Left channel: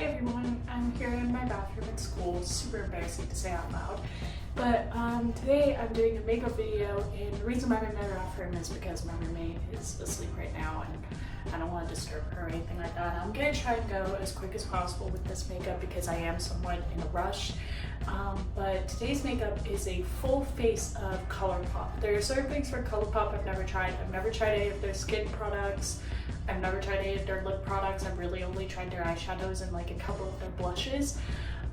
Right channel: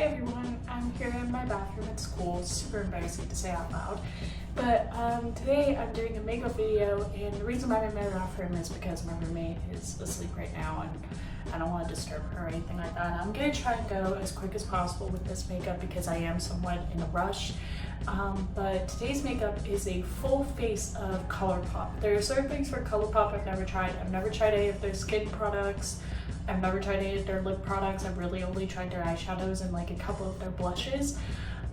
Hi everyone, I'm here in my bathroom at school. Super embarrassing to say out loud. But today I'm doing a makeup video, and the reason I'm in my bathroom is because my roommate is asleep right now and I don't want to disturb her or anything like that. I'm going to try and go as quick as possible with this makeup because I am somewhat in a rush. But today's makeup is a full face of ColourPop. There are certain things for ColourPop I've never tried. I've never tried any of their skin products. I've never tried any of their lip products. I've really only tried their eyeshadows and like a couple of their blushes.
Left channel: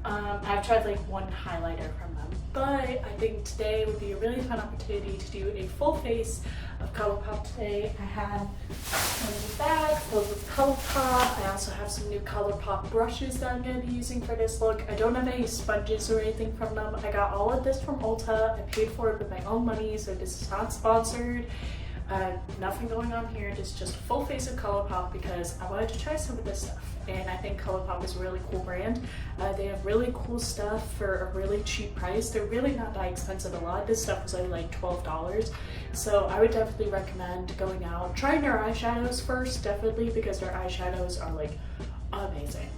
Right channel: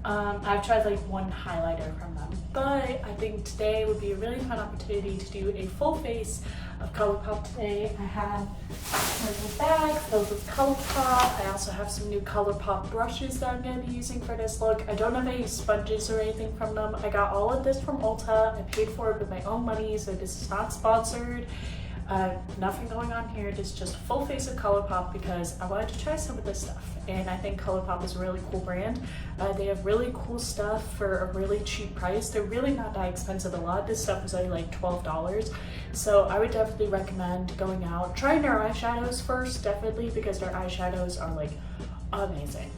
I've tried like one highlighter from them, but I think today would be a really fun opportunity to do a full face of ColourPop today. I have my new bag filled with ColourPop. I also have some new ColourPop brushes that I'm going to be using for this look. I don't have any sponges or anything from them. I got all of this from Ulta. I paid for it with my own money, so this is not sponsored. Nothing going on here, just a full face of ColourPop because I wanted to try some of this stuff, and I think ColourPop is a really cool brand. They have really cool stuff for a really cheap price. They're really not that expensive. A lot of this stuff was only like $12, so I would definitely recommend going out, trying their eyeshadows first, definitely, because their eyeshadows are like amazing.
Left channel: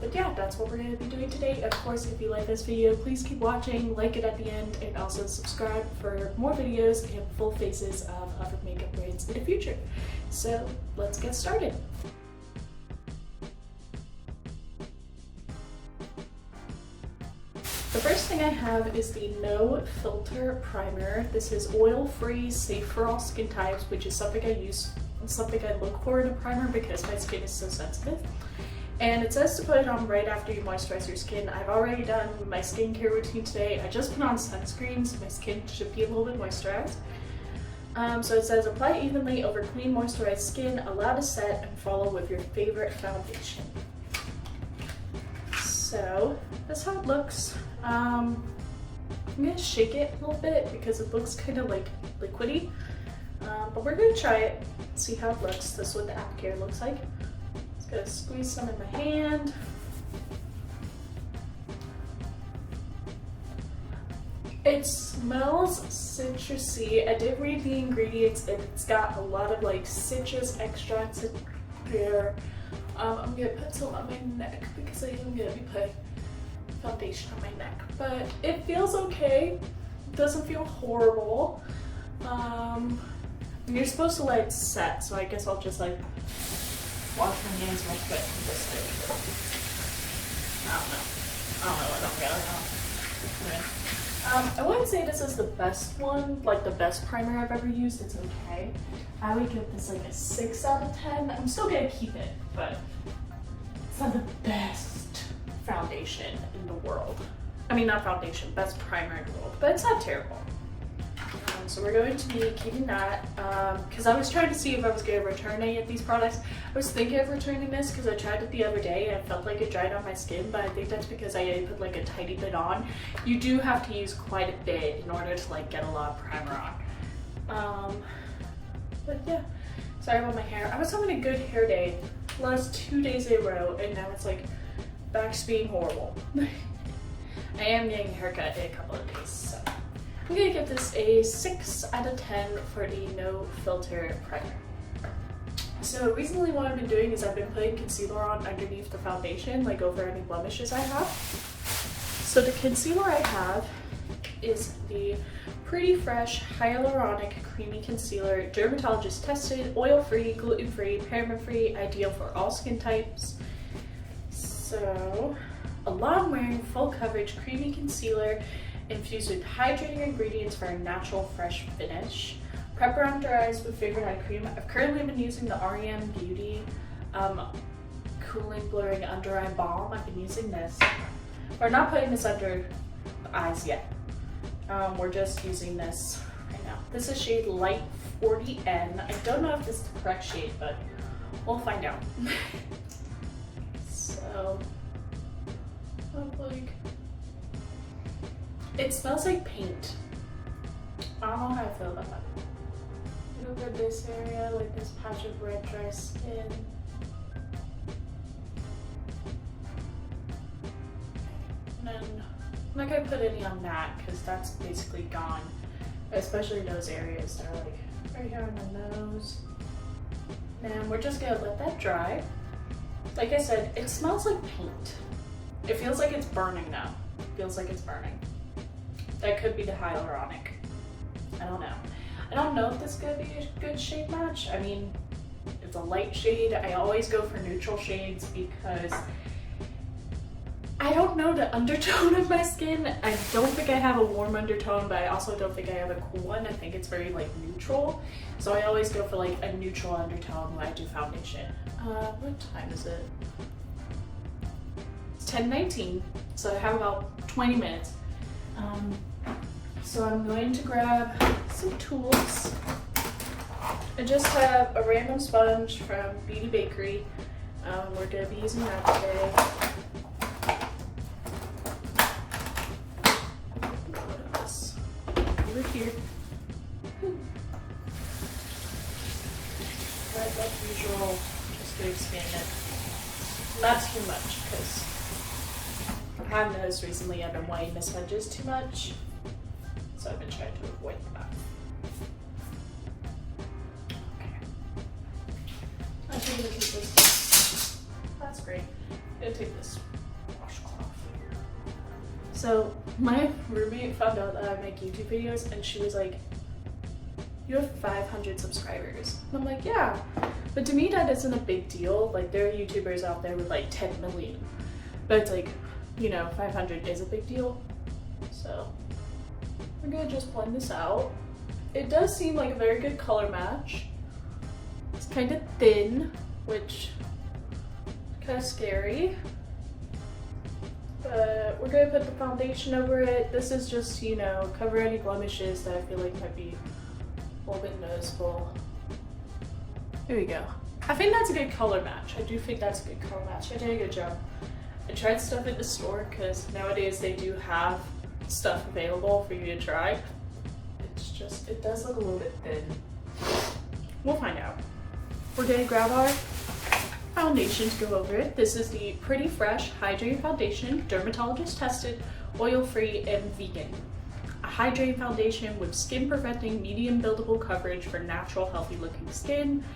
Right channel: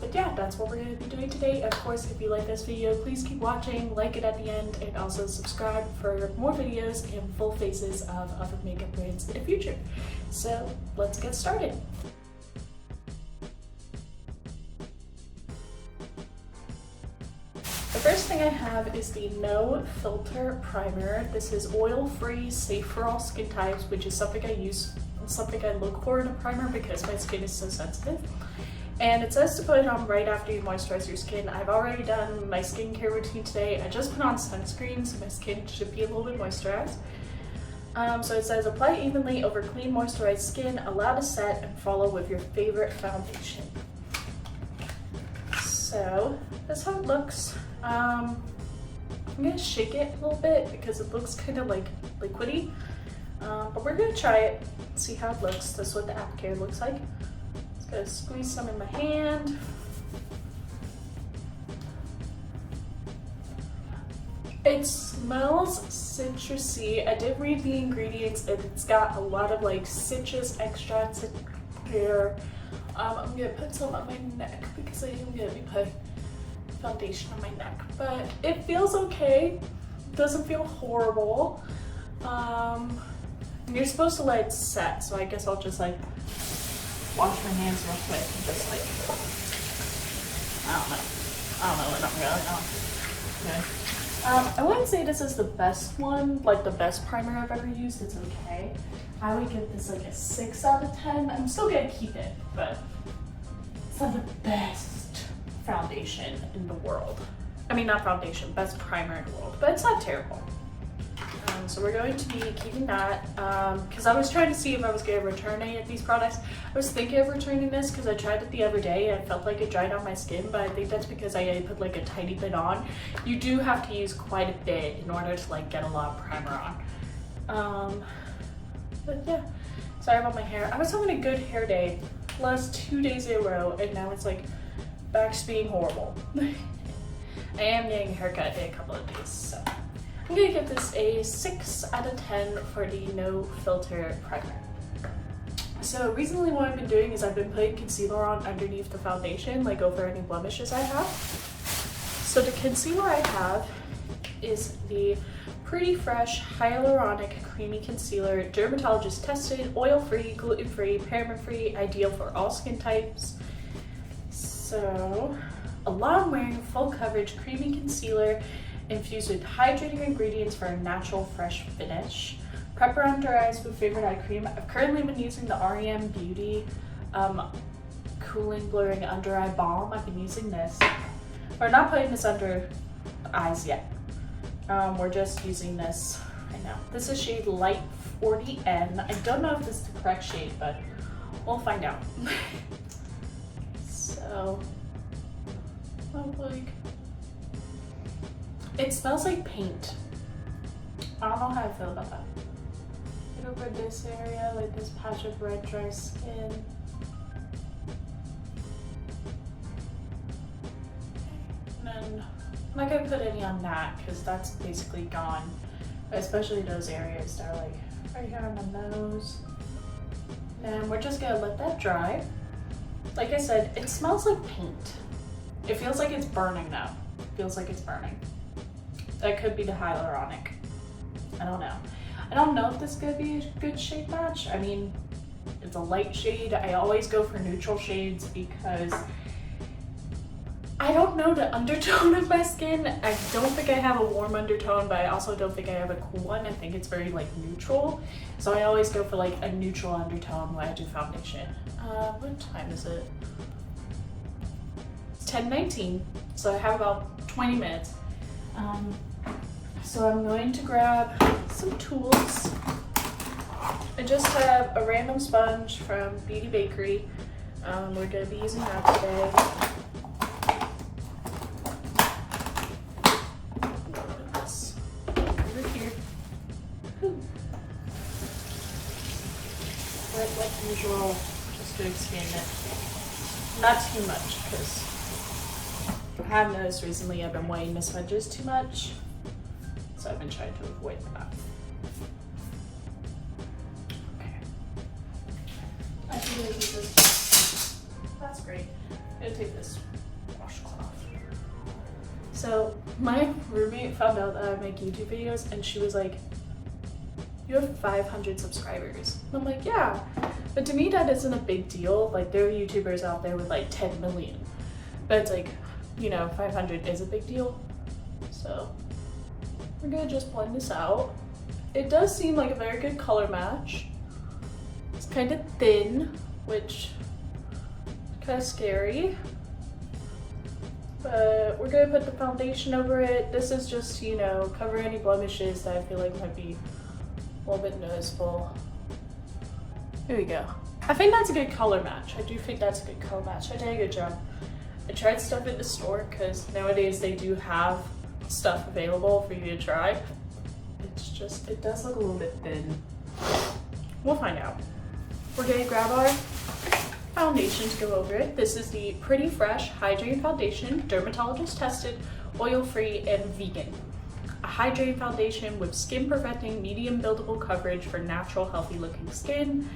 But yeah, that's what we're going to be doing today. Of course, if you like this video, please keep watching, like it at the end, and also subscribe for more videos and full faces of other makeup brands in the future. So let's get started. The first thing I have is the No Filter Primer. This is oil-free, safe for all skin types, which is something I use, something I look for in a primer because my skin is so sensitive. And it says to put it on right after you moisturize your skin. I've already done my skincare routine today. I just put on sunscreen, so my skin should be a little bit moisturized. So it says apply evenly over clean moisturized skin, allow to set, and follow with your favorite foundation. So that's how it looks. I'm gonna shake it a little bit because it looks kind of like liquidy. But we're gonna try it, see how it looks. This is what the applicator looks like. Gonna squeeze some in my hand. It smells citrusy. I did read the ingredients and it's got a lot of like citrus extracts in here. I'm gonna put some on my neck because I am gonna be putting foundation on my neck, but it feels okay. It doesn't feel horrible. You're supposed to let it set, so I guess I'll just like wash my hands real quick and just like, I don't really know. Okay. I wouldn't say this is the best one, like the best primer I've ever used. It's okay. I would give this like a 6 out of 10. I'm still gonna keep it, but it's not the best foundation in the world. I mean, not foundation, best primer in the world, but it's not terrible. So we're going to be keeping that because I was trying to see if I was going to return any of these products. I was thinking of returning this because I tried it the other day and I felt like it dried on my skin, but I think that's because I put like a tiny bit on. You do have to use quite a bit in order to like get a lot of primer on. But yeah, sorry about my hair. I was having a good hair day last 2 days in a row, and now it's like back to being horrible. I am getting a haircut in a couple of days, so I'm gonna give this a 6 out of 10 for the No Filter Primer. So recently what I've been doing is I've been putting concealer on underneath the foundation, like over any blemishes I have. So the concealer I have is the Pretty Fresh Hyaluronic Creamy Concealer, dermatologist tested, oil-free, gluten-free, paraben-free, ideal for all skin types. So a long-wearing, full-coverage creamy concealer infused with hydrating ingredients for a natural, fresh finish. Prep or under eyes with favorite eye cream. I've currently been using the REM Beauty Cooling Blurring Under Eye Balm. I've been using this. We're not putting this under the eyes yet. We're just using this right now. This is shade Light 40N. I don't know if this is the correct shade, but we'll find out. So, like, it smells like paint. I don't know how I feel about that. Over this area, like this patch of red dry skin. And then I'm not gonna put any on that because that's basically gone. Especially those areas that are like right here on the nose. And we're just gonna let that dry. Like I said, it smells like paint. It feels like it's burning now. It feels like it's burning. That could be the hyaluronic. I don't know. I don't know if this is gonna be a good shade match. I mean, it's a light shade. I always go for neutral shades because I don't know the undertone of my skin. I don't think I have a warm undertone, but I also don't think I have a cool one. I think it's very like neutral. So I always go for like a neutral undertone when I do foundation. What time is it? It's 10:19, so I have about 20 minutes. So I'm going to grab some tools. I just have a random sponge from Beauty Bakery. We're going to be using that today. Put this over here. Like usual, just to expand it. Not too much, because I have noticed recently I've been whitening the sponges too much. So I've been trying to avoid that. Okay. I think I'm gonna take this. That's great. I'm gonna take this washcloth. So my roommate found out that I make YouTube videos and she was like, "You have 500 subscribers." And I'm like, "Yeah." But to me that isn't a big deal. Like there are YouTubers out there with like 10 million. But it's like, you know, 500 is a big deal. So we're gonna just blend this out. It does seem like a very good color match. It's kind of thin, which is kind of scary. But we're gonna put the foundation over it. This is just, you know, cover any blemishes that I feel like might be a little bit noticeable. Here we go. I think that's a good color match. I do think that's a good color match. I did a good job. I tried stuff at the store because nowadays they do have stuff available for you to try. It's just, it does look a little bit thin. We'll find out. We're gonna grab our foundation to go over it. This is the Pretty Fresh Hydrating Foundation, dermatologist tested, oil-free, and vegan. A hydrating foundation with skin perfecting, medium buildable coverage for natural, healthy looking skin.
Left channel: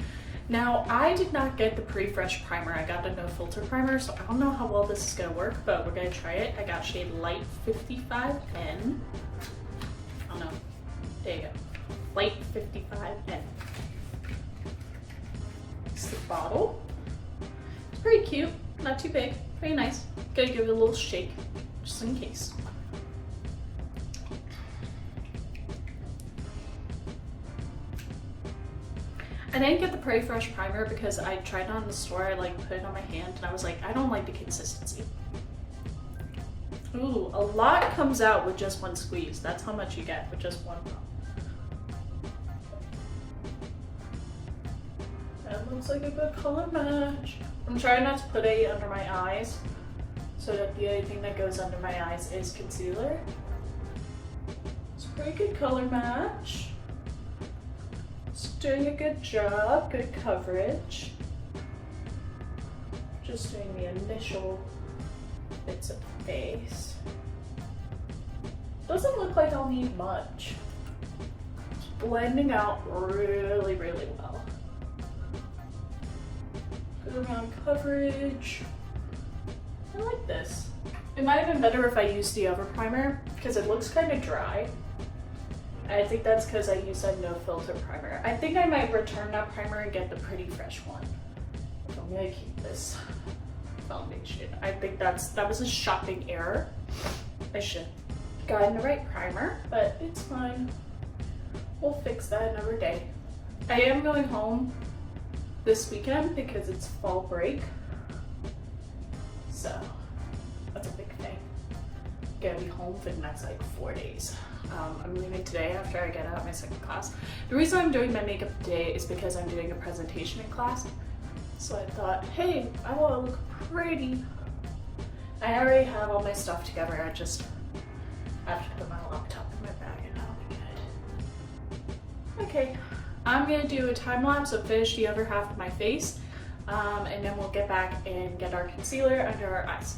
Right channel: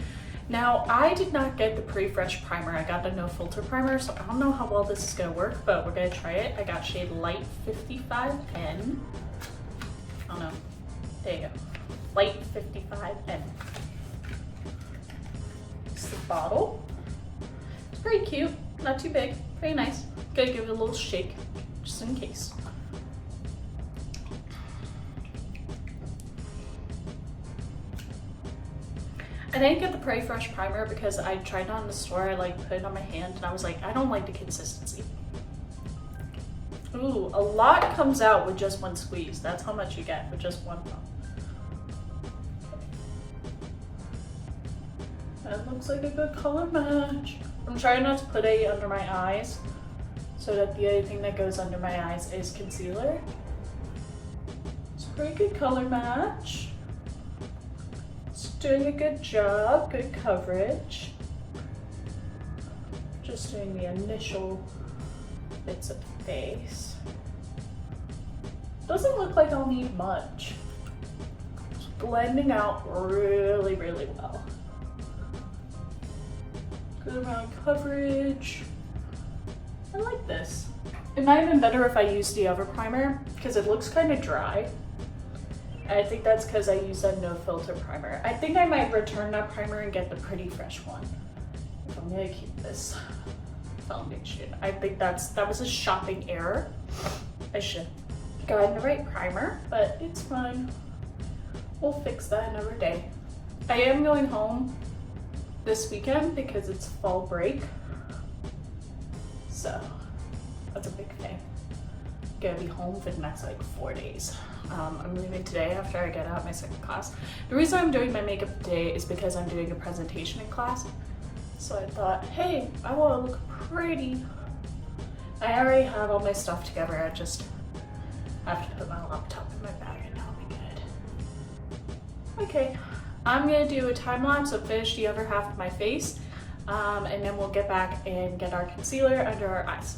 Now, I did not get the Pretty Fresh primer. I got the no filter primer, so I don't know how well this is gonna work, but we're gonna try it. I got shade Light 55N. Oh no, there you go. Light 55N. It's the bottle. It's pretty cute, not too big, very nice. Gotta give it a little shake, just in case. I didn't get the Pretty Fresh primer because I tried it on in the store. I like put it on my hand and I was like, I don't like the consistency. Ooh, a lot comes out with just one squeeze. That's how much you get with just one pump. That looks like a good color match. I'm trying not to put any under my eyes so that the only thing that goes under my eyes is concealer. It's a pretty good color match. Doing a good job, good coverage. Just doing the initial bits of the face. Doesn't look like I'll need much. Just blending out really, really well. Good amount of coverage. I like this. It might have been better if I used the other primer because it looks kind of dry. I think that's because I used a no filter primer. I think I might return that primer and get the Pretty Fresh one. So I'm gonna keep this foundation. I think that was a shopping error. I should have gotten the right primer, but it's fine. We'll fix that another day. I am going home this weekend because it's fall break. So that's a big thing. Gonna be home for the next like 4 days. I'm leaving today after I get out my second class. The reason I'm doing my makeup today is because I'm doing a presentation in class. So I thought, hey, I want to look pretty. I already have all my stuff together. I just have to put my laptop in my bag and that'll be good. Okay, I'm gonna do a time lapse of finish the other half of my face, and then we'll get back and get our concealer under our eyes.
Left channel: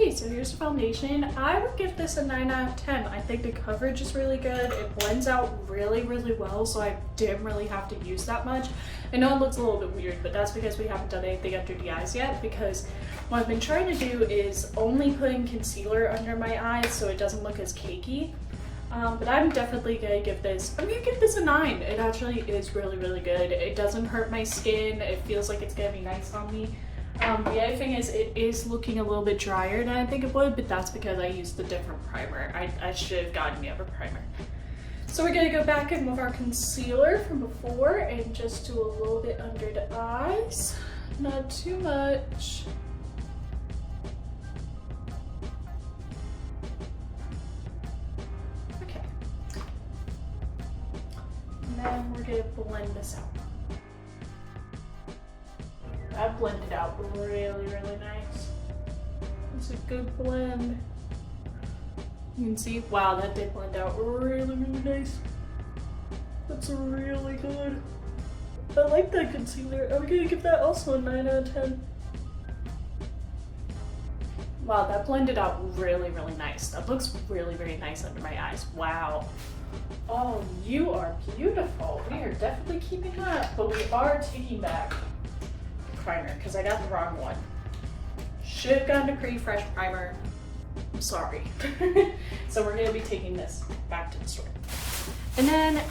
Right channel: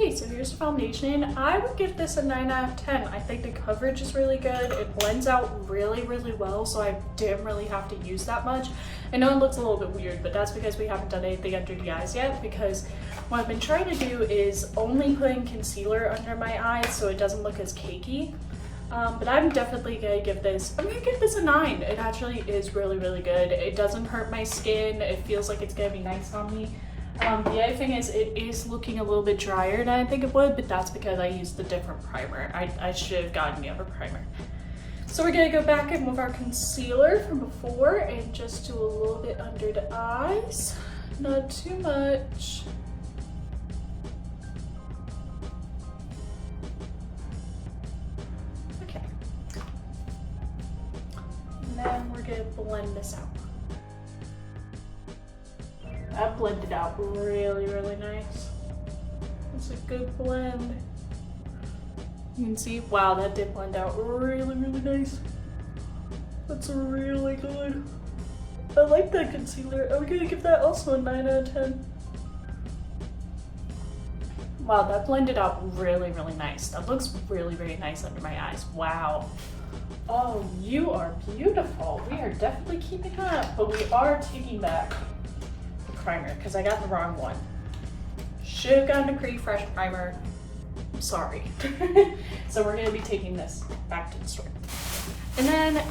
Okay, so so here's the foundation. I would give this a 9 out of 10. I think the coverage is really good. It blends out really, really well, so I didn't really have to use that much. I know it looks a little bit weird, but that's because we haven't done anything under the eyes yet, because what I've been trying to do is only putting concealer under my eyes so it doesn't look as cakey. But I'm definitely gonna give this, I'm gonna give this a 9. It actually is really, really good. It doesn't hurt my skin. It feels like it's gonna be nice on me. The other thing is it is looking a little bit drier than I think it would, but that's because I used the different primer. I should have gotten the other primer. So we're gonna go back in with our concealer from before and just do a little bit under the eyes. Not too much. Okay. And then we're gonna blend this out. That blended out really, really nice. It's a good blend. You can see, wow, that did blend out really, really nice. That's really good. I like that concealer. I'm gonna give that also a 9 out of 10. Wow, that blended out really, really nice. That looks really, really nice under my eyes. Wow. Oh, you are beautiful. We are definitely keeping up, but we are taking back primer because I got the wrong one. Should have gotten a pretty fresh primer. I'm sorry. So we're gonna be taking this back to the store. And then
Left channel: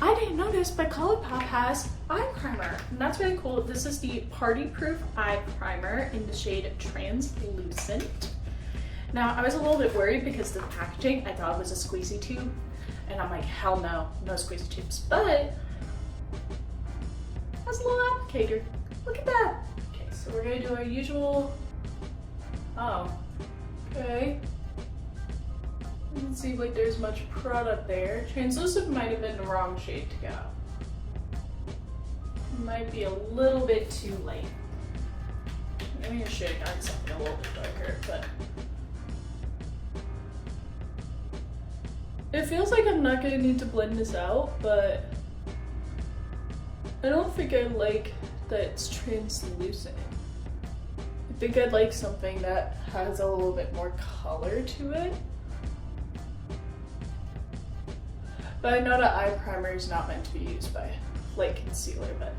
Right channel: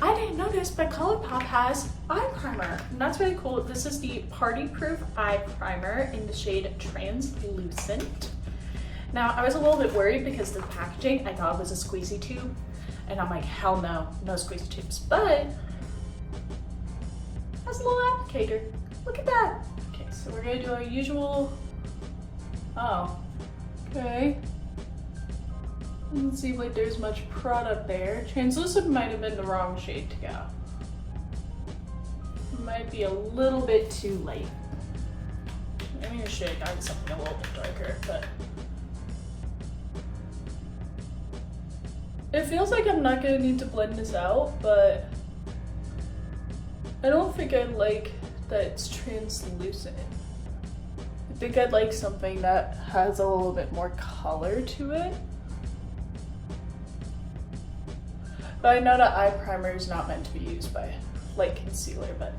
I didn't notice, but ColourPop has eye primer, and that's really cool. This is the Party Proof Eye Primer in the shade Translucent. Now I was a little bit worried because the packaging, I thought it was a squeezy tube, and I'm like, hell no, no squeezy tubes. But it has a little applicator. Look at that. Okay, so we're gonna do our usual, oh, okay. Doesn't seem like there's much product there. Translucent might have been the wrong shade to go. It might be a little bit too late. Maybe I should have gotten something a little bit darker, but it feels like I'm not gonna need to blend this out, but I don't think I like that it's translucent. I think I'd like something that has a little bit more color to it. But I know that eye primer is not meant to be used by like concealer, but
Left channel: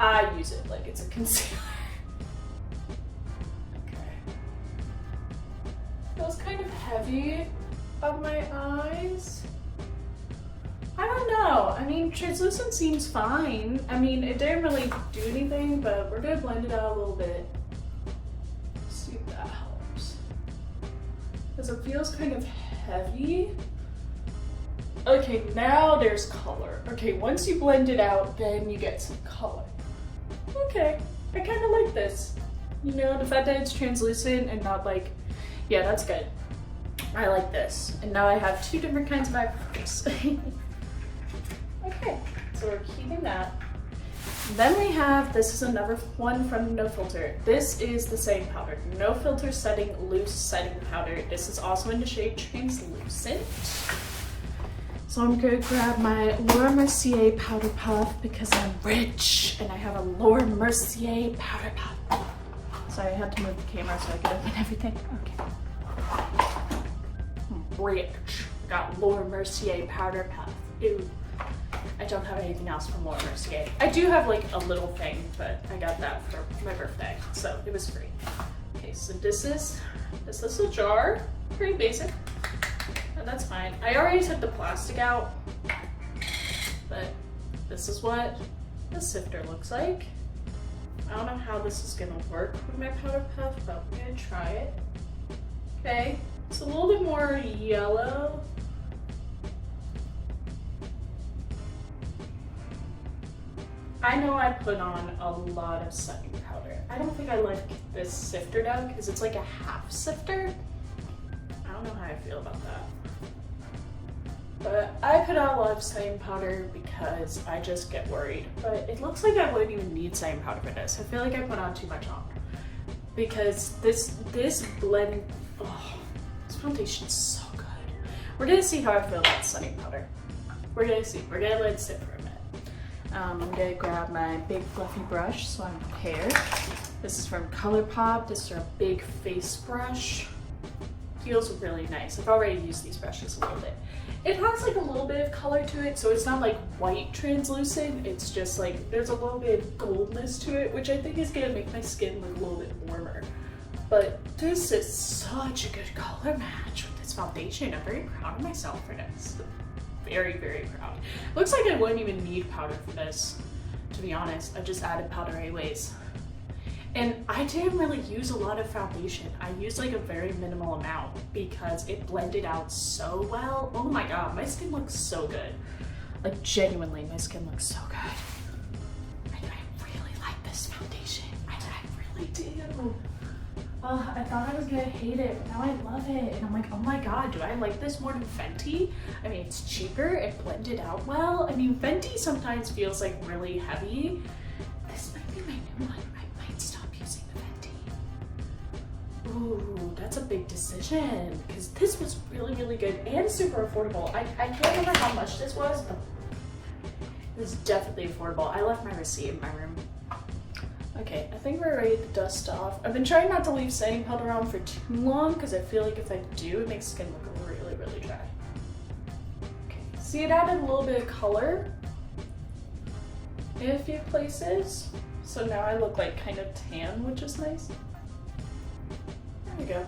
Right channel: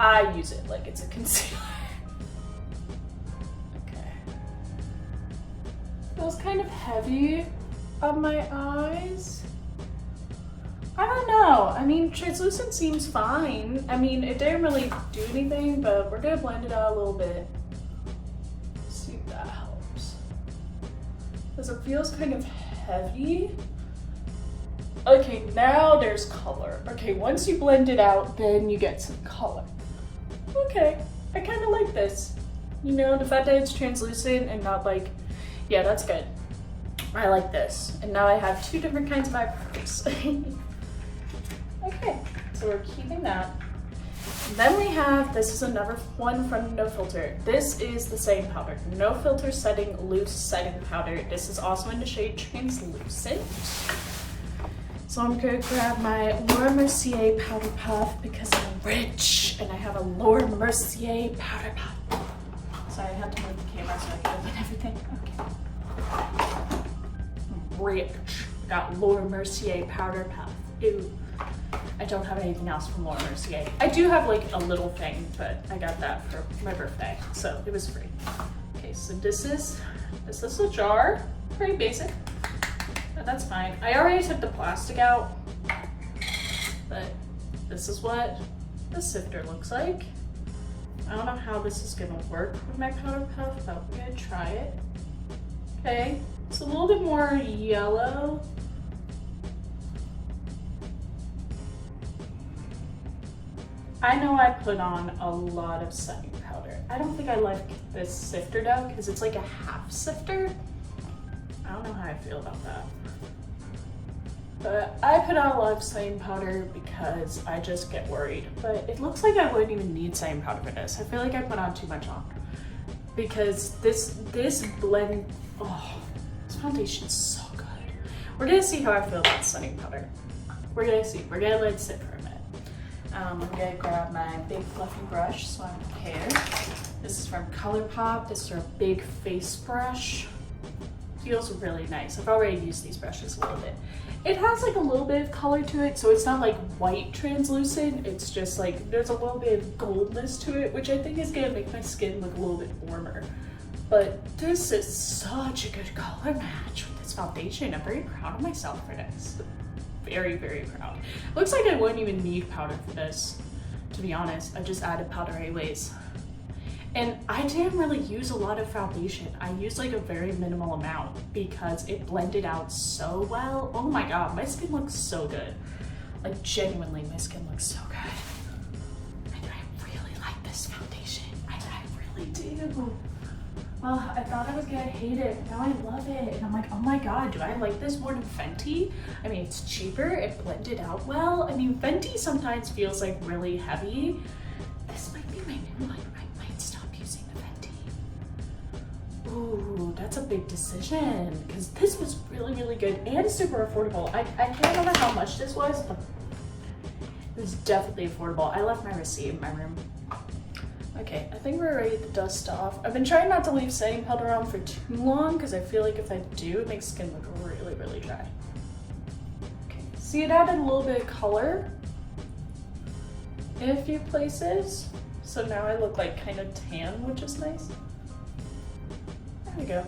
I use it like it's a concealer. Okay. Feels kind of heavy on my eyes. I don't know. I mean, translucent seems fine. I mean, it didn't really do anything, but we're gonna blend it out a little bit. See if that helps. Because it feels kind of heavy. Okay, now there's color. Okay, once you blend it out, then you get some color. Okay, I kind of like this. You know, the fact that it's translucent and not like, yeah, that's good. I like this. And now I have two different kinds of eyebrows. Okay, so we're keeping that. Then we have, this is another one from No Filter. This is the setting powder. No Filter Setting Loose Setting Powder. This is also in the shade Translucent. So I'm gonna grab my Laura Mercier Powder Puff because I'm rich and I have a Laura Mercier Powder Puff. Sorry, I had to move the camera so I could open everything. Okay. I'm rich. I got Laura Mercier Powder Puff. Ew. I don't have anything else from Laura Mercier. I do have like a little thing, but I got that for my birthday, so it was free. Okay, so this is a jar. Pretty basic. But that's fine. I already took the plastic out, but this is what the sifter looks like. I don't know how this is gonna work with my powder puff, but we're gonna try it. Okay, it's a little bit more yellow. I know I put on a lot of setting powder. I don't think I like this sifter though, because it's like a half sifter. I don't know how I feel about that. But I put on a lot of setting powder because I just get worried. But it looks like I wouldn't even need setting powder for this. I feel like I put on too much on. Because this blend, oh, this foundation's so good. We're gonna see how I feel about setting powder. We're gonna see, we're gonna let it sit for a minute. I'm gonna grab my big fluffy brush so I'm prepared. This is from ColourPop. This is our big face brush. feels really nice. I've already used these brushes a little bit. It has like a little bit of color to it, so it's not like white translucent. It's just like there's a little bit of goldness to it, which I think is gonna make my skin look a little bit warmer. But this is such a good color match with this foundation. I'm very proud of myself for this. Very, very proud. Looks like I wouldn't even need powder for this, to be honest. I just added powder anyways. And I didn't really use a lot of foundation. I used like a very minimal amount because it blended out so well. Oh my God, my skin looks so good. Like genuinely, my skin looks so good. And I really like this foundation. I really do. I thought I was gonna hate it, now I love it. And I'm like, oh my God, do I like this more than Fenty? I mean, it's cheaper, it blended out well. I mean, Fenty sometimes feels like really heavy. This might be my new one. I might stop using the Fenty. Ooh, that's a big decision because this was really, really good and super affordable. I can't remember how much this was, but it was definitely affordable. I left my receipt in my room. Okay, I think we're ready to dust off. I've been trying not to leave setting powder on for too long because I feel like if I do, it makes skin look really, really dry. Okay, see, it added a little bit of color in a few places. So now I look like kind of tan, which is nice. There we go.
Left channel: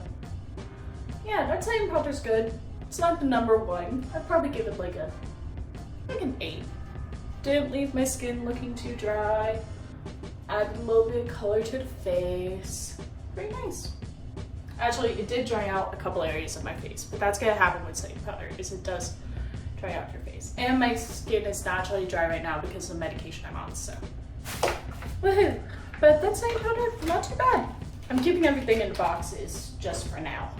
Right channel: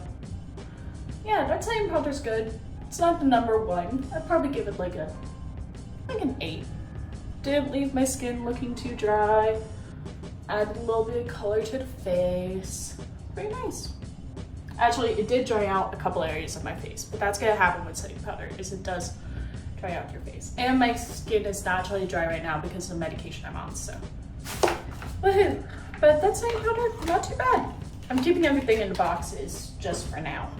Yeah, that setting powder's good. It's not the number one. I'd probably give it like an 8. Didn't leave my skin looking too dry. Added a little bit of color to the face. Very nice. Actually, it did dry out a couple areas of my face, but that's gonna happen with setting powder, is it does dry out your face. And my skin is naturally dry right now because of the medication I'm on, so. Woohoo! But that setting powder, not too bad. I'm keeping everything in the boxes just for now.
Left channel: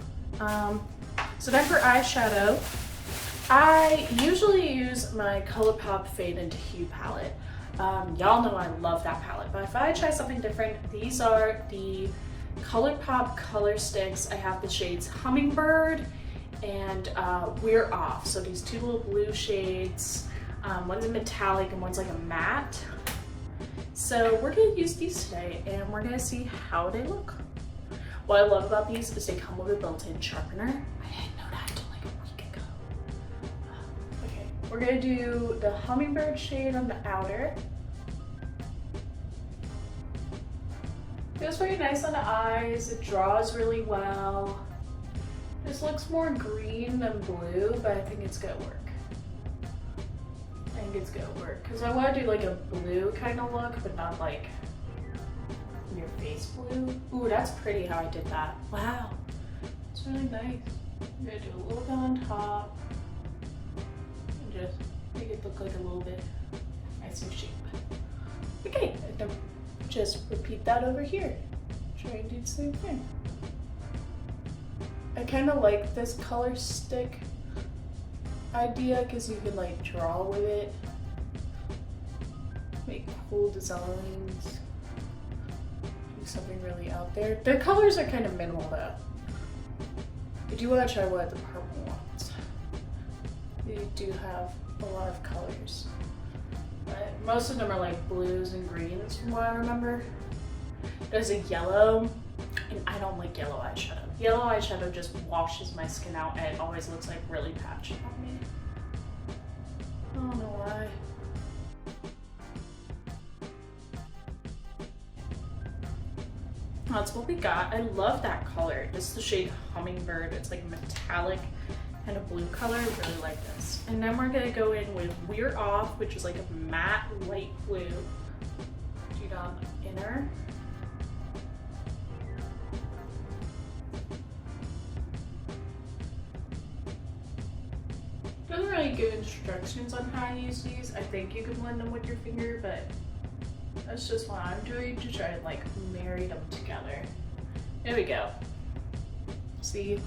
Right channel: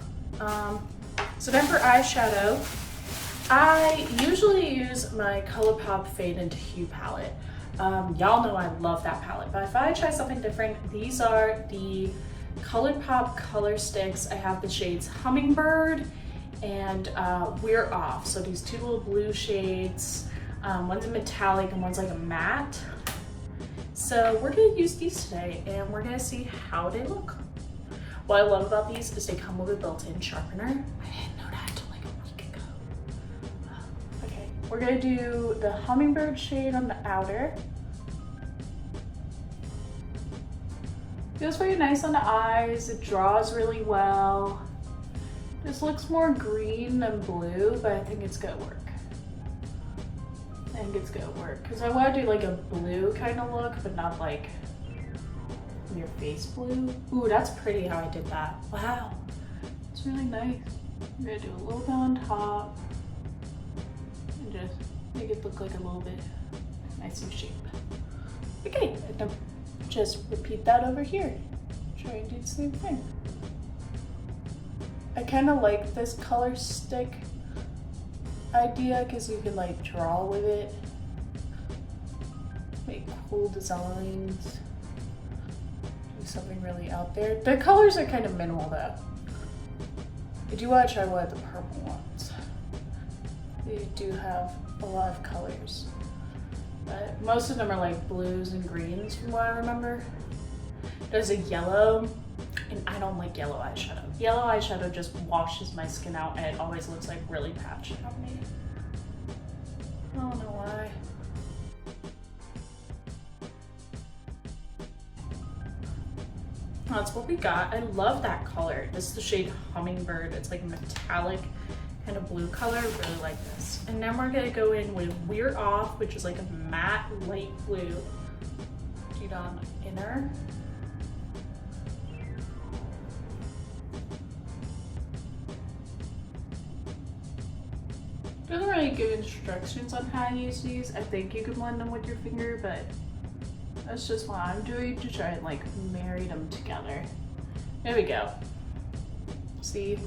So then for eyeshadow, I usually use my ColourPop Fade into Hue palette. Y'all know I love that palette, but if I try something different, these are the ColourPop color sticks. I have the shades Hummingbird and We're Off. So these two little blue shades, one's a metallic and one's like a matte. So we're gonna use these today and we're gonna see how they look. What I love about these is they come with a built-in sharpener. I didn't know that until like a week ago. Okay, we're gonna do the Hummingbird shade on the outer. Feels very nice on the eyes. It draws really well. This looks more green than blue, but I think it's gonna work. I think it's gonna work because I want to do like a blue kind of look, but not like your face blue. Ooh, that's pretty how I did that. Wow, it's really nice. I'm gonna do a little bit on top and just make it look like a little bit nicer shape. Okay, and then just repeat that over here. Try and do the same thing. I kind of like this color stick idea because you can like draw with it, make cool designs, do something really out there. The colors are kind of minimal though. I do want to try one of the purple ones. They do have a lot of colors, but most of them are like blues and greens from what I remember. There's a yellow, and I don't like yellow eyeshadow. Yellow eyeshadow just washes my skin out and it always looks like really patchy on me. I don't know why. That's what we got. I love that color. This is the shade Hummingbird. It's like metallic kind of blue color. I really like this. And then we're gonna go in with We're Off, which is like a matte light blue. Do it on the inner. Doesn't really give instructions on how to use these. I think you can blend them with your finger, but that's just what I'm doing to try and like marry them together. There we go. See?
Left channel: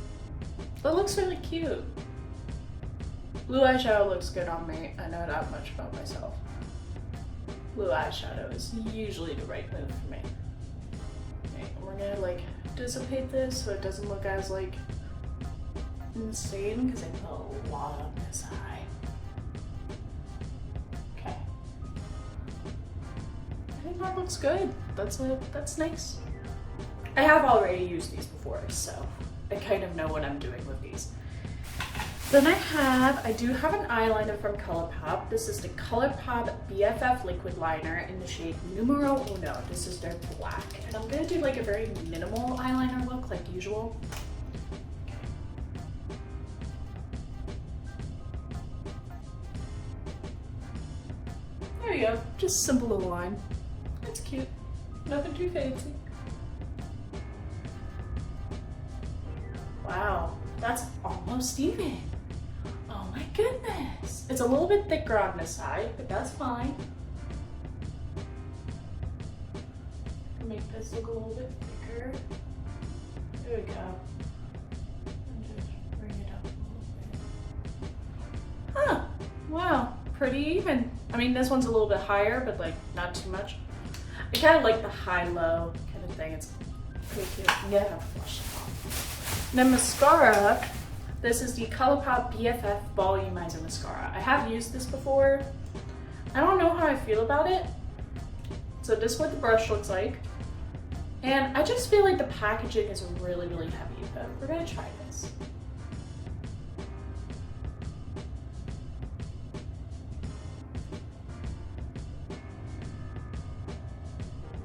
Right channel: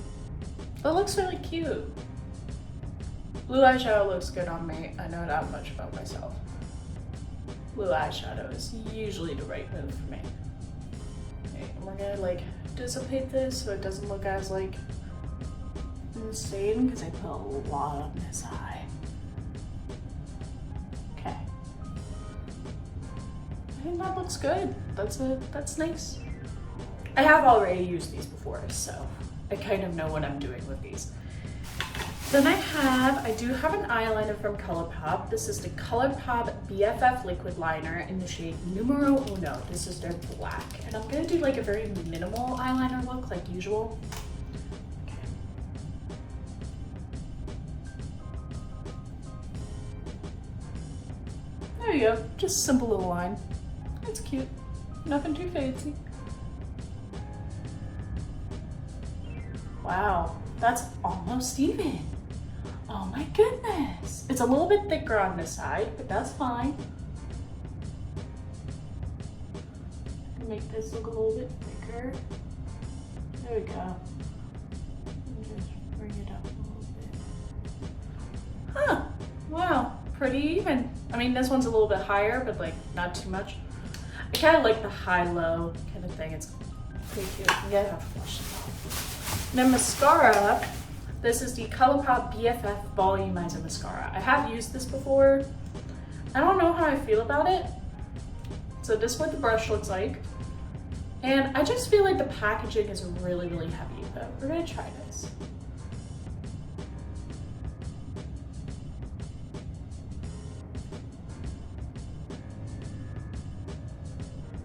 That looks really cute. Blue eyeshadow looks good on me. I know that much about myself. Blue eyeshadow is usually the right move for me. Okay, and we're gonna like dissipate this so it doesn't look as like insane because I put a lot on this eye. Okay. I think that looks good. That's nice. I have already used these before, so I kind of know what I'm doing with these. Then I do have an eyeliner from ColourPop. This is the ColourPop BFF liquid liner in the shade Numero Uno. This is their black. And I'm gonna do like a very minimal eyeliner look like usual. There you go, just a simple little line. That's cute, nothing too fancy. Wow, that's almost even. Oh my goodness. It's a little bit thicker on this side, but that's fine. Make this look a little bit thicker. There we go. And just bring it up a little bit. Huh, wow, pretty even. I mean, this one's a little bit higher, but like not too much. I kind of like the high-low kind of thing. It's pretty cute. Yeah, flush it off. Then mascara. This is the ColourPop BFF Volumizer Mascara. I have used this before. I don't know how I feel about it. So this is what the brush looks like. And I just feel like the packaging is really, really heavy, but we're gonna try this.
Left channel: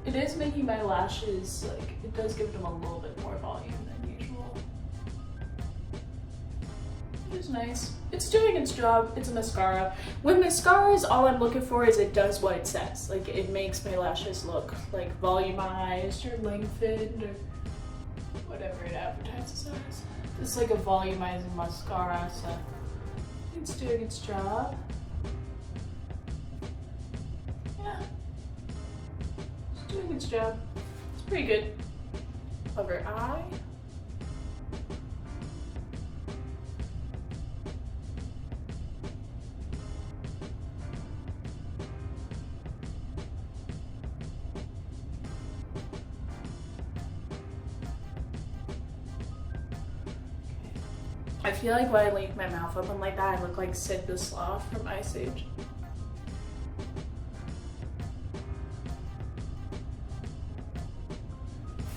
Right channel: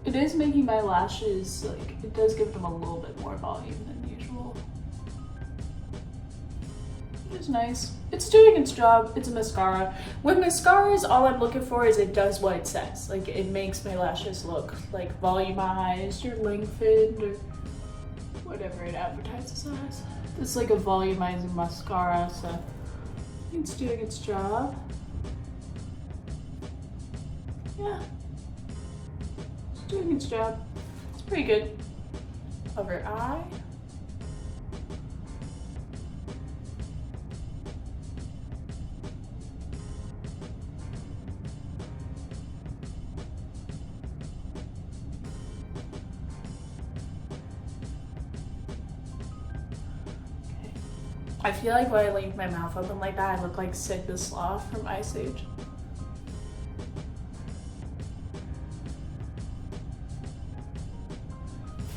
It is making my lashes, like, it does give them a little bit more volume than usual. It's nice. It's doing its job. It's a mascara. With mascaras, all I'm looking for is it does what it says. Like, it makes my lashes look like volumized or lengthened or whatever it advertises as. It's like a volumizing mascara, so it's doing its job. Yeah. It's doing its job. It's pretty good. Over eye. I feel like when I leave my mouth open like that, I look like Sid the Sloth from Ice Age.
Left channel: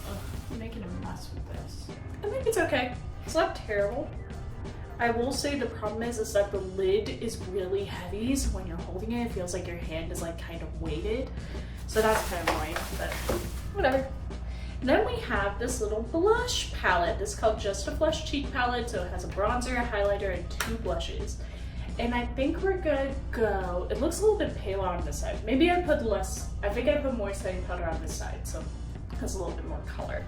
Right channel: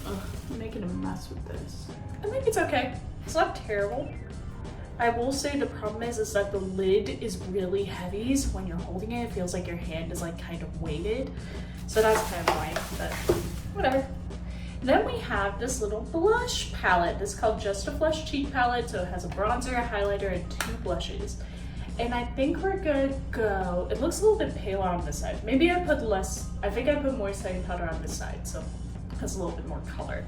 Ugh, I'm making a mess with this. I think it's okay. It's not terrible. I will say the problem is that the lid is really heavy, so when you're holding it, it feels like your hand is like kind of weighted. So that's kind of annoying, but whatever. Then we have this little blush palette. This is called Just a Flush Cheek Palette. So it has a bronzer, a highlighter, and 2 blushes. And I think we're gonna go, it looks a little bit paler on this side. Maybe I put less, I think I put more setting powder on this side, so it has a little bit more color.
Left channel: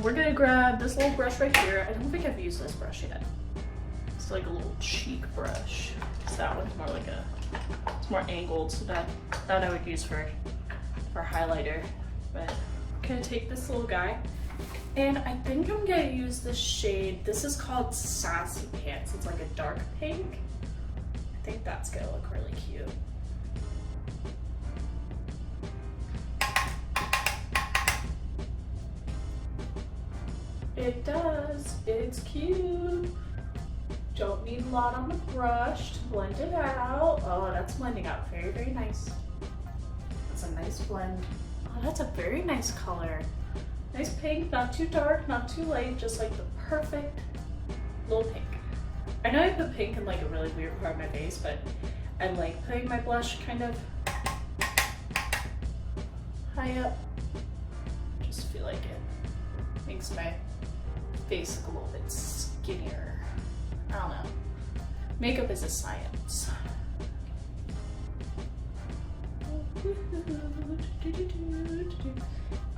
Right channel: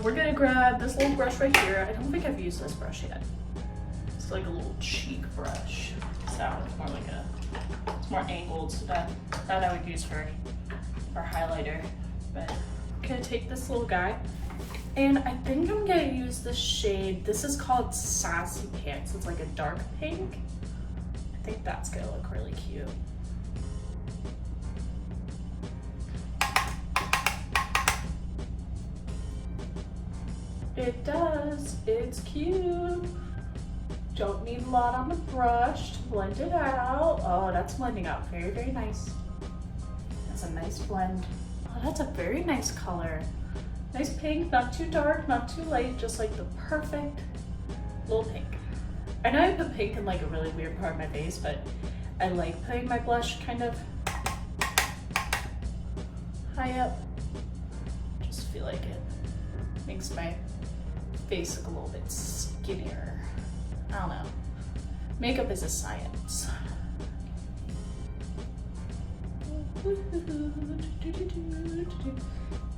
We're gonna grab this little brush right here. I don't think I've used this brush yet. It's like a little cheek brush. So that one's more like it's more angled, so that I would use for highlighter. But I'm gonna take this little guy, and I think I'm gonna use the shade. This is called Sassy Pants. It's like a dark pink. I think that's gonna look really cute. It does. It's cute. Don't need a lot on the brush to blend it out. Oh, that's blending out very, very nice. That's a nice blend. Oh, that's a very nice color. Nice pink, not too dark, not too light, just like the perfect little pink. I know I put pink in like a really weird part of my face, but I like putting my blush kind of high up. Just feel like it makes my face look a little bit skinnier. I don't know. Makeup is a science.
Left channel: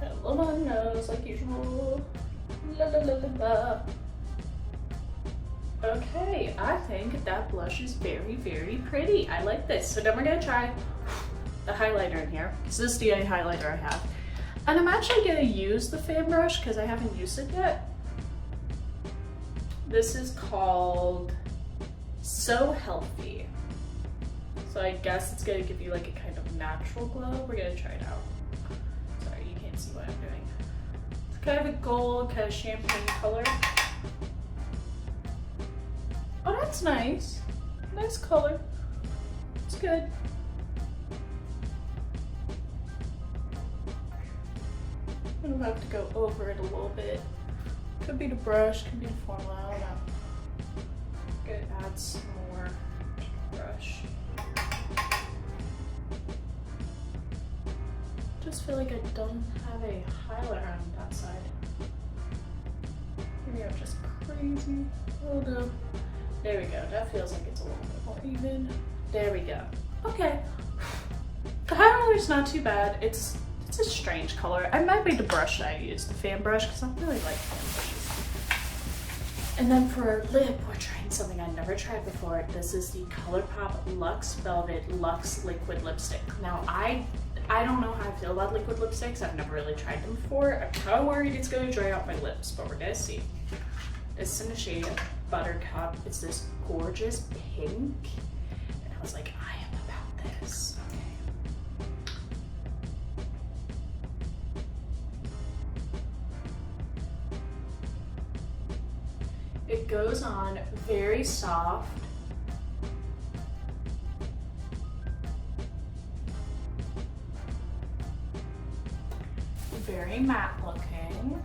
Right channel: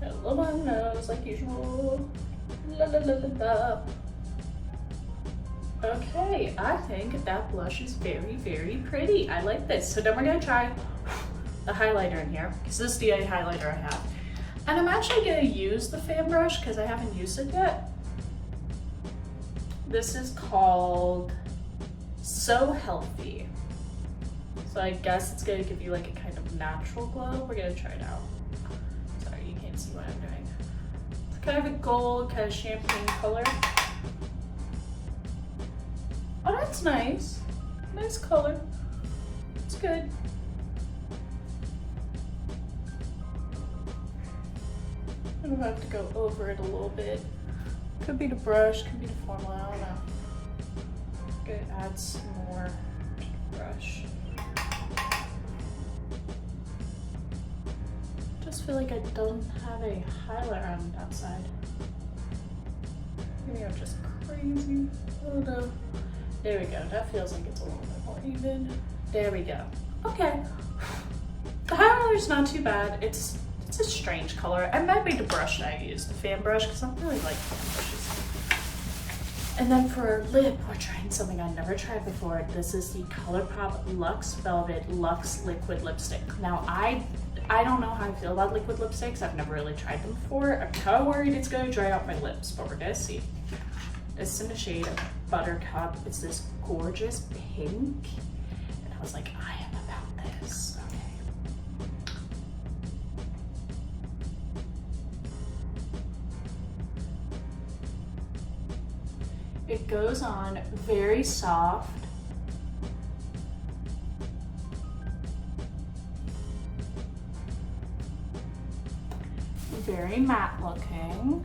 I love my nose like usual. La la la la la. Okay, I think that blush is very, very pretty. I like this. So then we're gonna try the highlighter in here, because this is the only highlighter I have. And I'm actually gonna use the fan brush because I haven't used it yet. This is called So Healthy. So I guess it's gonna give you like a kind of natural glow. We're gonna try it out. Sorry, you can't see what I'm doing. It's kind of a gold, kind of champagne color. Oh, that's nice. Nice color. It's good. I'm gonna have to go over it a little bit. Could be the brush, could be the formula, I don't know. Good, add some more to the brush. Just feel like I don't have a highlighter on that side. Maybe I'm just crazy. Oh no. There we go. That feels like it's a little bit more even. There we go. Okay. The highlighter's not too bad. It's a strange color. It might be the brush that I use, the fan brush, because I really like fan brushes. And then for our lip, we're trying something I never tried before. This is the ColourPop Luxe Velvet Luxe Liquid Lipstick. Now, I don't know how I feel about liquid lipsticks. I've never really tried them before. I'm kind of worried it's gonna dry out my lips, but we're gonna see. It's in the shade Buttercup. It's this gorgeous pink. And I was like, I am about this. It goes on very soft. Very matte looking.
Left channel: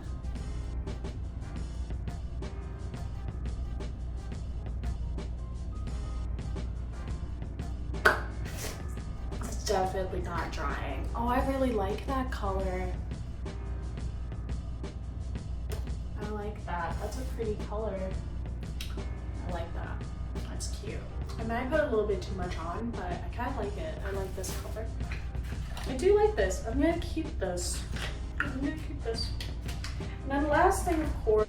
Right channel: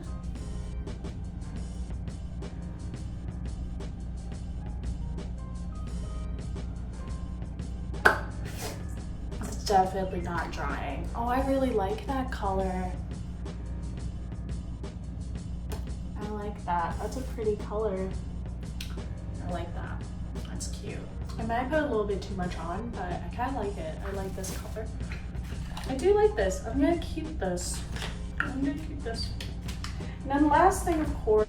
It's definitely not drying. Oh, I really like that color. I like that. That's a pretty color. I like that. That's cute. I might put a little bit too much on, but I kind of like it. I like this color. I do like this. I'm gonna keep this. I'm gonna keep this. And then last thing, of course,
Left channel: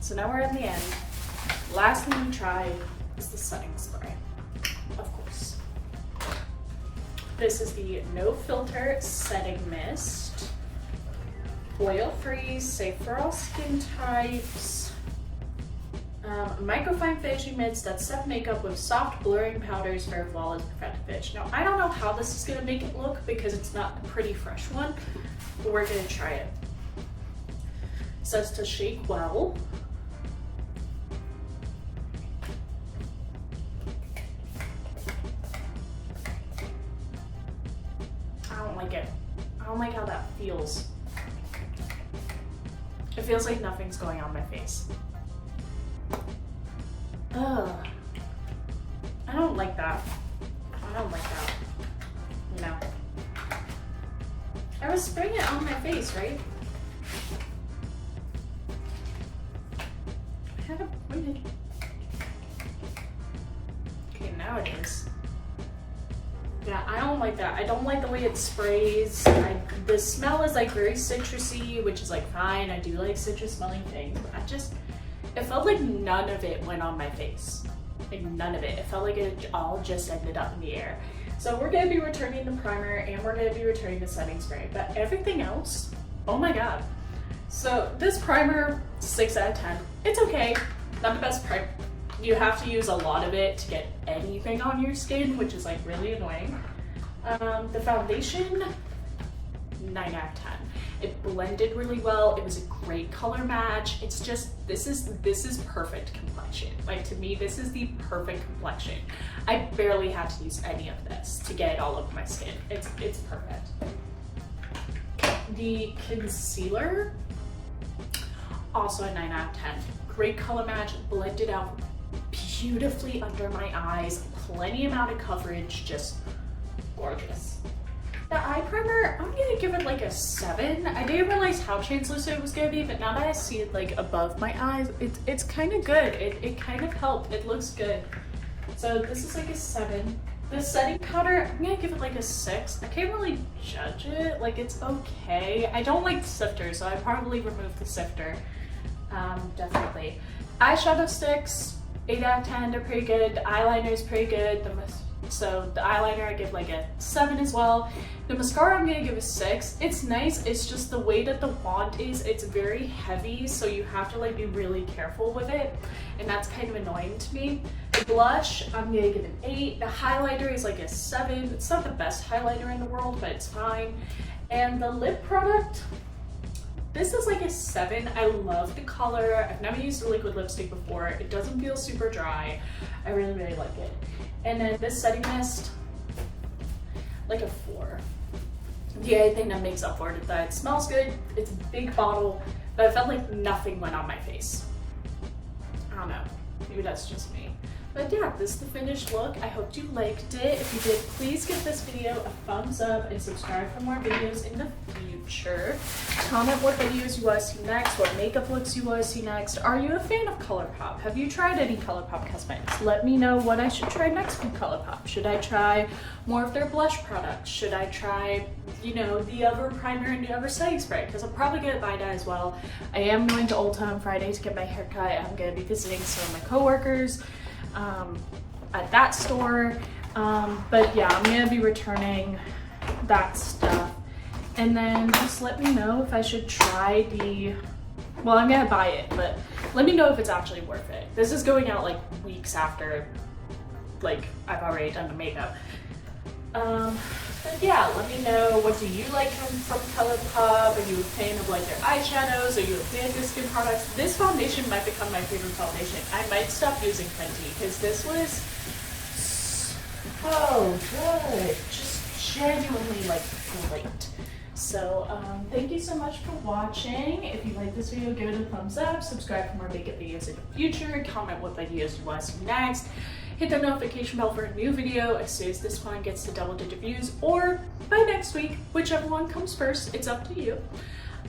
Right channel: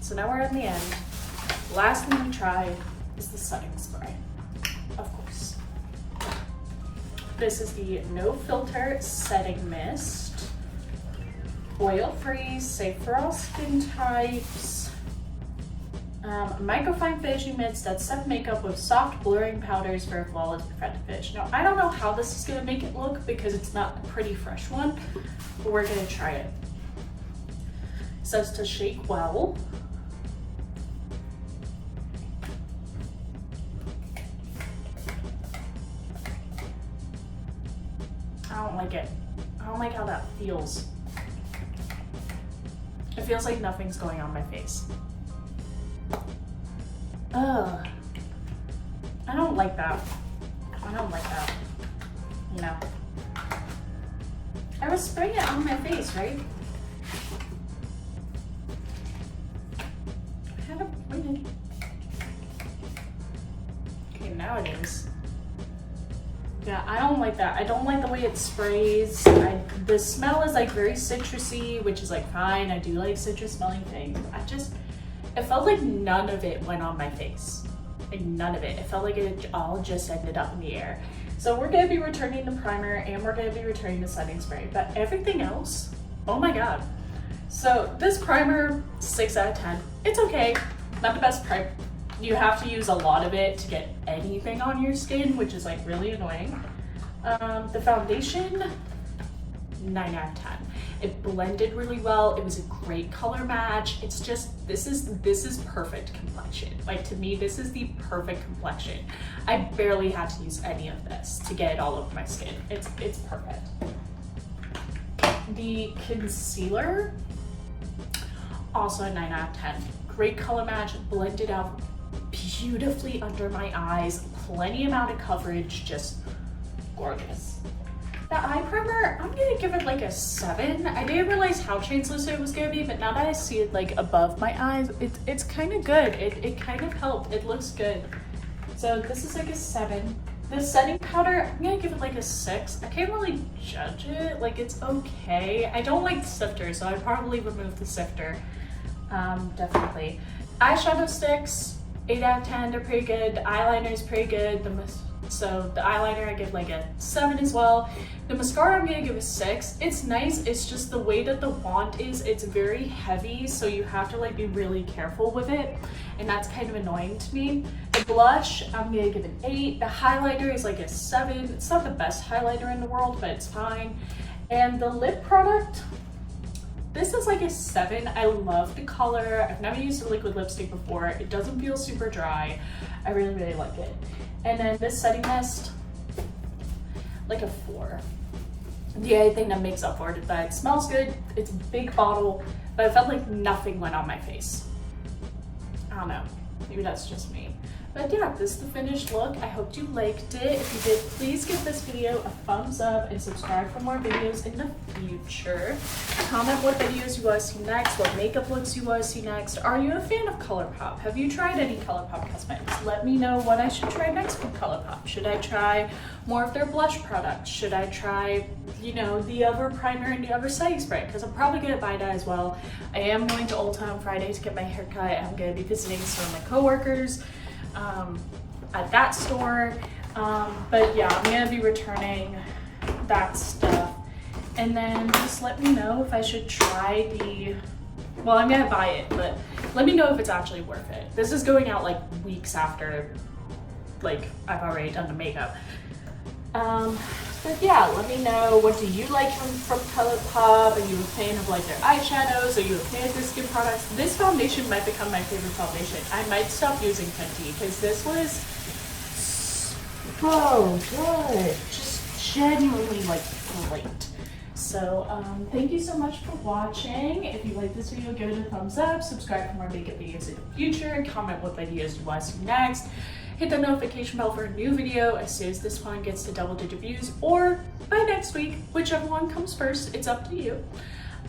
so now we're in the end. Last thing we tried is the setting spray, of course. This is the No Filter Setting Mist. Oil-free, safe for all skin types. Microfine finishing mists that set makeup with soft blurring powders for a flawless perfect finish. Now, I don't know how this is gonna make it look because it's not a pretty fresh one, but we're gonna try it. It says to shake well. I don't like it. I don't like how that feels. It feels like nothing's going on my face. Ugh. I don't like that. I don't like that. No. I was spraying it on my face, right? I had it pointed. Okay, now it is. Yeah, I don't like that. I don't like the way it sprays. The smell is like very citrusy, which is like fine. I do like citrus smelling things. It felt like none of it went on my face. Like none of it. It felt like it all just ended up in the air. So we're gonna be returning the primer and we're gonna be returning the setting spray, but everything else, oh my God. So this primer, 6 out of 10. It's okay, not the best primer. You have to use a lot of it to get anything on your skin, which is like really annoying. The foundation, 9 out of 10. It blended really well. It was a great color match. It's just, this is perfect complexion. Like to me, this is the perfect complexion. I barely had to use any of this to get it all over my skin. It's perfect. The concealer, also a 9 out of 10. Great color match, blended out beautifully under my eyes, plenty amount of coverage, just gorgeous. The eye primer, I'm gonna give it like a 7. I didn't realize how translucent it was gonna be, but now that I see it like above my eyes, it's kind of good. It kind of helped. It looks good. So this is like a 7. The setting powder, I'm gonna give it like a 6. I can't really judge it. Like it's okay. I don't like the sifter, so I probably remove the sifter. Definitely. Eyeshadow sticks, 8 out of 10. They're pretty good. The eyeliner is pretty good. So the eyeliner I give like a 7 as well. The mascara I'm gonna give a 6. It's nice, it's just the way that the wand is, it's very heavy, so you have to like be really careful with it, and that's kind of annoying to me. The blush, I'm gonna give an 8. The highlighter is like a 7. It's not the best highlighter in the world, but it's fine. And the lip product, this is like a 7. I love the color. I've never used a liquid lipstick before. It doesn't feel super dry. I really, really like it. And then this setting mist, like a 4. The only thing that makes up for it is that it smells good, it's a big bottle, but I felt like nothing went on my face. I don't know, maybe that's just me. But yeah, this is the finished look. I hope you liked it. If you did, please give this video a thumbs up and subscribe for more videos in the future. Comment what videos you want to see next, what makeup looks you want to see next. Are you a fan of ColourPop? Have you tried any ColourPop cosmetics? Let me know what I should try next from ColourPop. Should I try more of their blush products? Should I try, you know, the other primer and the other setting spray? Because I'm probably going to buy that as well. I am going to Ulta on Friday to get my hair cut. I'm going to be visiting some of my coworkers at that store, but yeah, I'm gonna be returning that stuff, and then just let me know if I should try the, well, I'm gonna buy it, but let me know if it's actually worth it. This is going out like weeks after like I've already done the makeup. But yeah, let me know, what do you like from ColourPop? Are you a fan of like their eyeshadows? Are you a fan of their skin products? This foundation might become my favorite foundation. I might stop using Fenty because this was so good. Just genuinely like great. So thank you so much for watching. If you like this video, give it a thumbs up, subscribe for more makeup videos in the future, comment what videos you want to see next. Hit the notification bell for a new video as soon as this one gets to double-digit views, or by next week, whichever one comes first, it's up to you.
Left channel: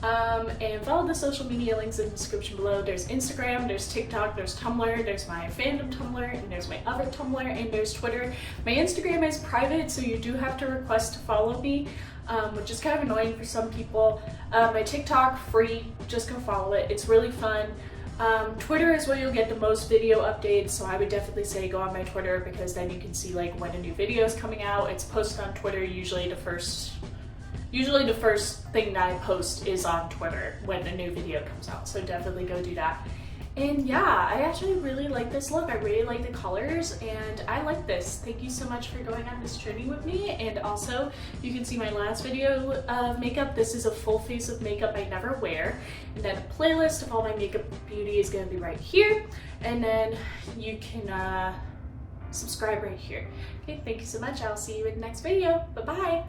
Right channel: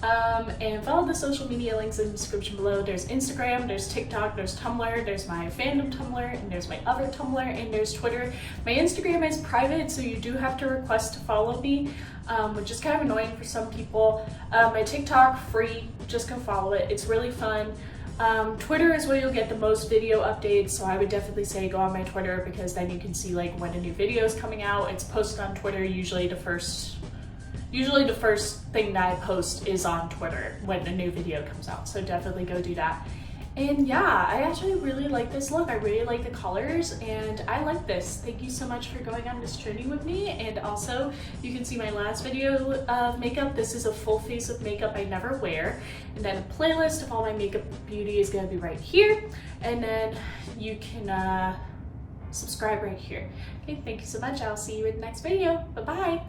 And follow the social media links in the description below. There's Instagram, there's TikTok, there's Tumblr, there's my fandom Tumblr, and there's my other Tumblr, and there's Twitter. My Instagram is private, so you do have to request to follow me, which is kind of annoying for some people. My TikTok, free, just go follow it. It's really fun. Twitter is where you'll get the most video updates, so I would definitely say go on my Twitter, because then you can see like when a new video is coming out. It's posted on Twitter. Usually the first thing that I post is on Twitter when a new video comes out, so definitely go do that. And yeah, I actually really like this look. I really like the colors, and I like this. Thank you so much for going on this journey with me. And also, you can see my last video of makeup. This is a full face of makeup I never wear. And then a playlist of all my makeup beauty is gonna be right here. And then you can subscribe right here. Okay, thank you so much. I'll see you in the next video. Bye-bye.